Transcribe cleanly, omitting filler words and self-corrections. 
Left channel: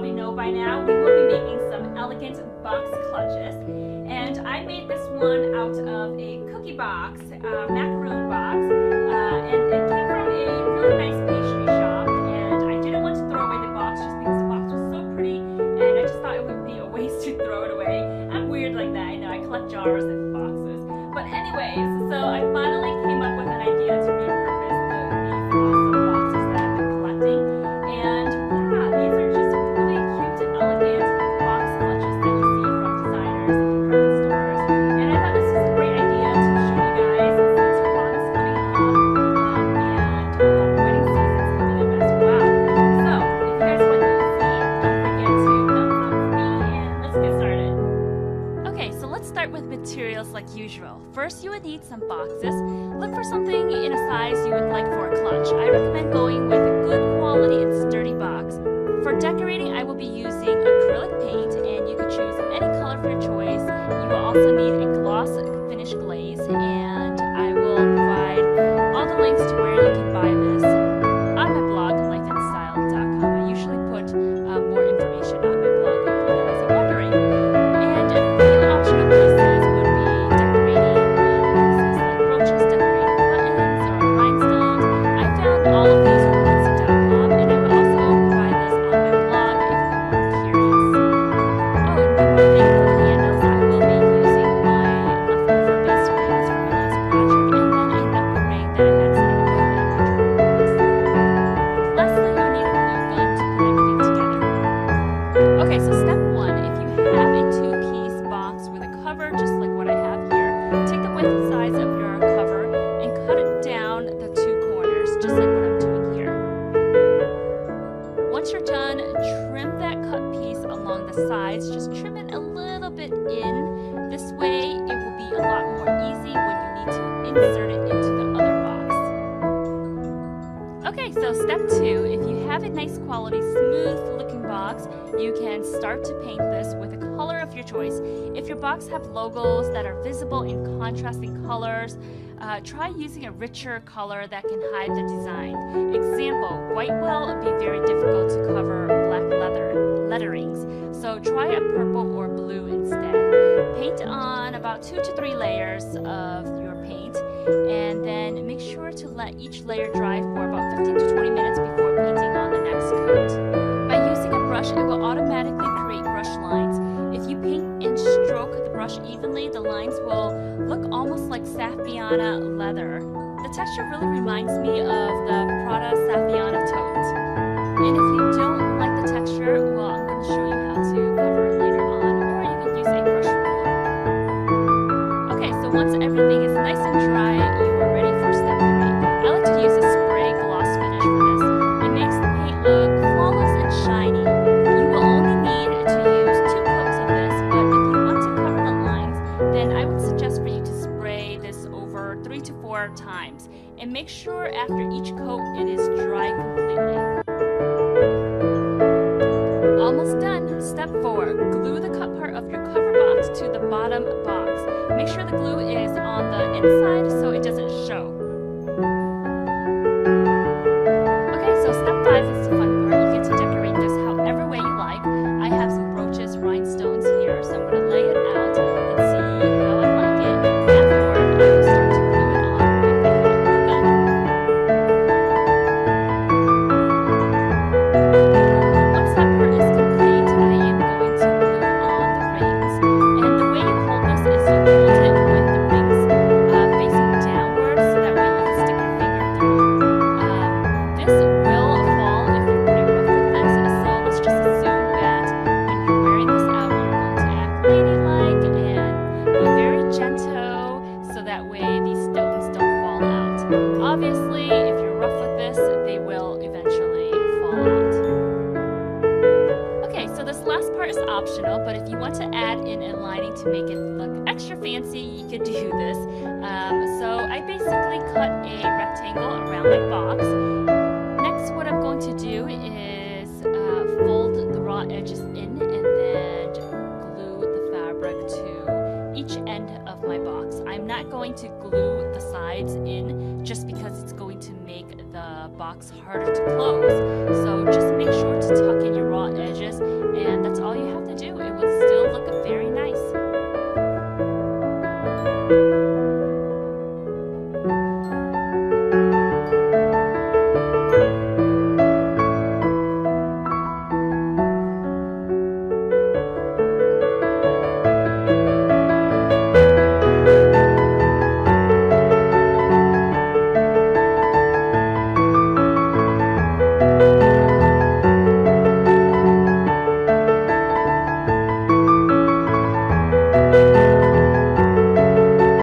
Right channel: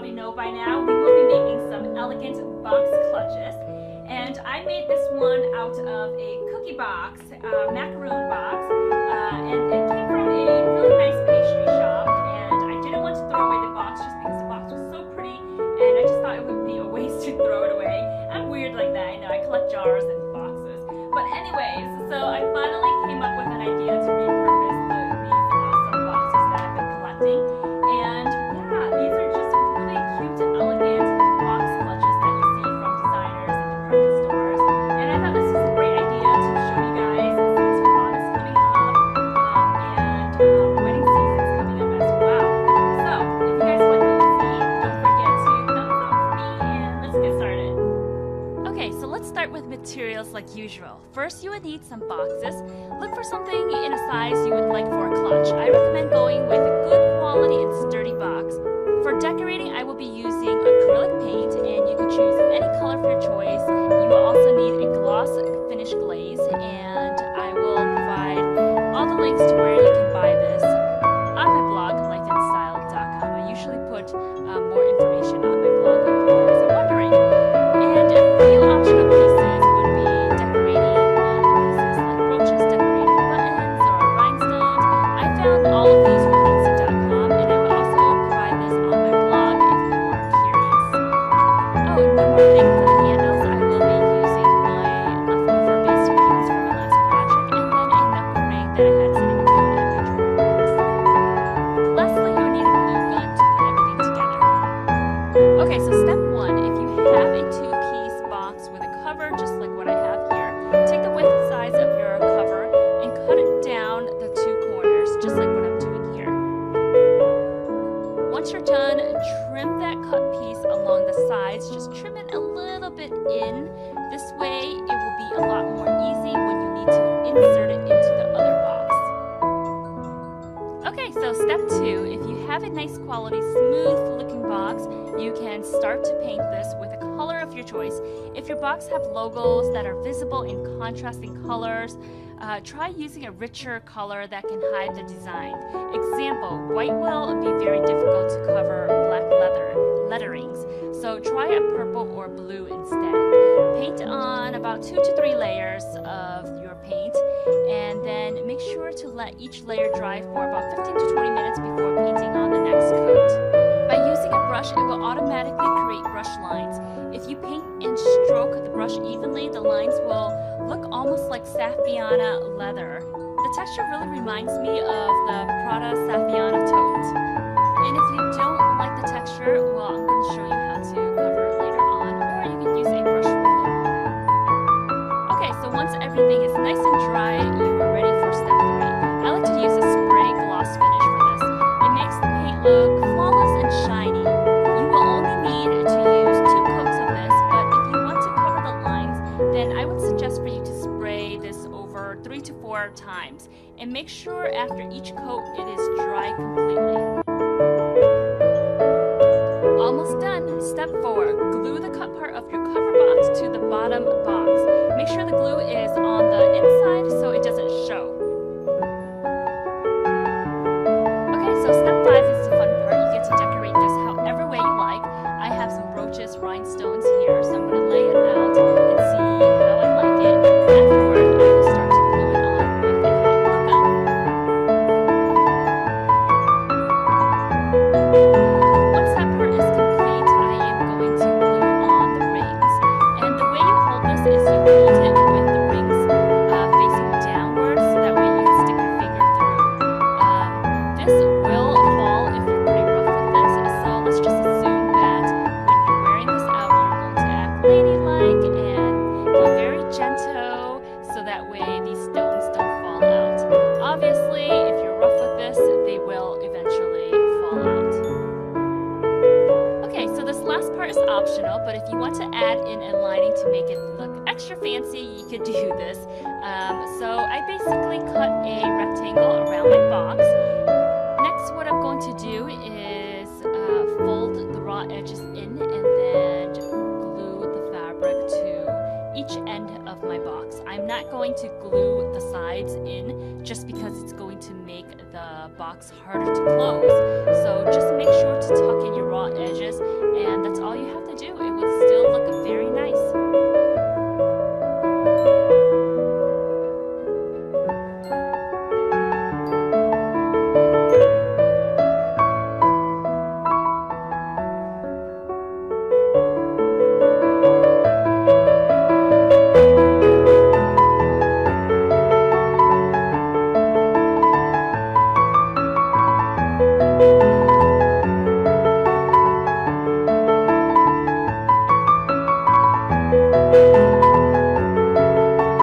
probably know by now, we will be making some elegant box clutches. And I made this one out of a cookie box, macaroon box, and it came from a really nice pastry shop. And I didn't want to throw away the box just because the box was so pretty, and I just thought it would be a waste to throw it away. I'm weird like that, I know, I collect jars and boxes. But anyways, so I finally came up with an idea to repurpose these awesome boxes that I've been collecting. And yeah, these are just really cute, elegant box clutches that you see from designers and department stores. And I thought this was a great idea to show you guys since prom is coming up and wedding season's coming up as well. So if you guys like what you see, don't forget to thumbs up for me and let's get started. Okay, so let's start with materials like usual. First, you would need some boxes. Look for something in a size you would like for a clutch. I recommend going with a good quality and sturdy box. For decorating, I will be using acrylic paint, and you could choose any color of your choice. You will also need a gloss finish glaze, and I will provide all the links to where you can buy this on my blog, lifeandstyle.com. I usually put more information on my blog if you guys are wondering. And a few optional pieces would be decorating pieces like brooches, decorated buttons, or rhinestones. I found all of these from Etsy.com, and I will also provide this on my blog if you are curious. Oh, and one more thing for the handles, I will be using my leftover base rings from my last project, and then a knuckle ring that I had sitting around in my drawer box. Lastly, you need a glue gun to put everything together. Okay, so step one, if you have a two-piece box with a cover just like what I have here, take the width size of your cover and cut it down the two corners just like what I'm doing here. Once you're done, trim that cut piece along the sides. Just trim it a little bit in. This way it will be a lot more easy when you need to insert it into the other box. Okay, so step two, if you have a nice quality, smooth looking box, you can start to paint this with a color of your choice. If your box have logos that are visible in contrasting colors, try using a richer color that can hide the design. Example, white will be very difficult to cover black letterings, so try a purple or blue instead. Paint on about 2 to 3 layers of your paint, and then make sure to let each layer dry for about 15 to 20 minutes before painting on the next coat. By using a brush, it will automatically create brush lines. If you paint and stroke the brush evenly, the lines will look almost like Saffiana leather. The texture really reminds me of the Prada Saffiana tote. And if you don't like the texture, well, I'm going to show you how to cover it later on, or you can use a brush roller. Okay, so once everything is nice and dry, you are ready for step 3. I like to use a spray gloss finish for this. It makes the paint look flawless and shiny. You will only need to use 2 coats of this, but if you want to cover the lines, then I would suggest for you to spray this over 3 to 4 times. And make sure after each coat it is dry completely. Almost done. Step 4. Glue the cut part of your cover box to the bottom box. Make sure the glue is on the inside so it doesn't show. Okay, so step 5 is the fun part. You get to decorate this however way you like. I have some brooches, rhinestones here, so I'm going to lay it out and see how I like it. Afterward, I will start to glue it on with a hot glue gun. Once that part is complete, I am going to glue on the rings. And the way you hold this is you hold it with the rings facing downwards, so that way you can stick your finger through. This will fall if you're pretty rough with this, so let's just assume that when you're wearing this out, you're going to act ladylike and be very gentle, so that way these stones don't fall out. Obviously, if you're rough with this, they will eventually fall out. Okay, so this last part is optional, but if you want to add in a lining to make it look extra fancy, you could do this. So I basically cut a rectangle around my box. Next, what I'm going to do is fold the raw edges in and then glue the fabric to each end end of my box. I'm not going to glue the sides in just because it's going to make the box harder to close. So just make sure to tuck in your raw edges, and that's all you have to do. It will still look very nice.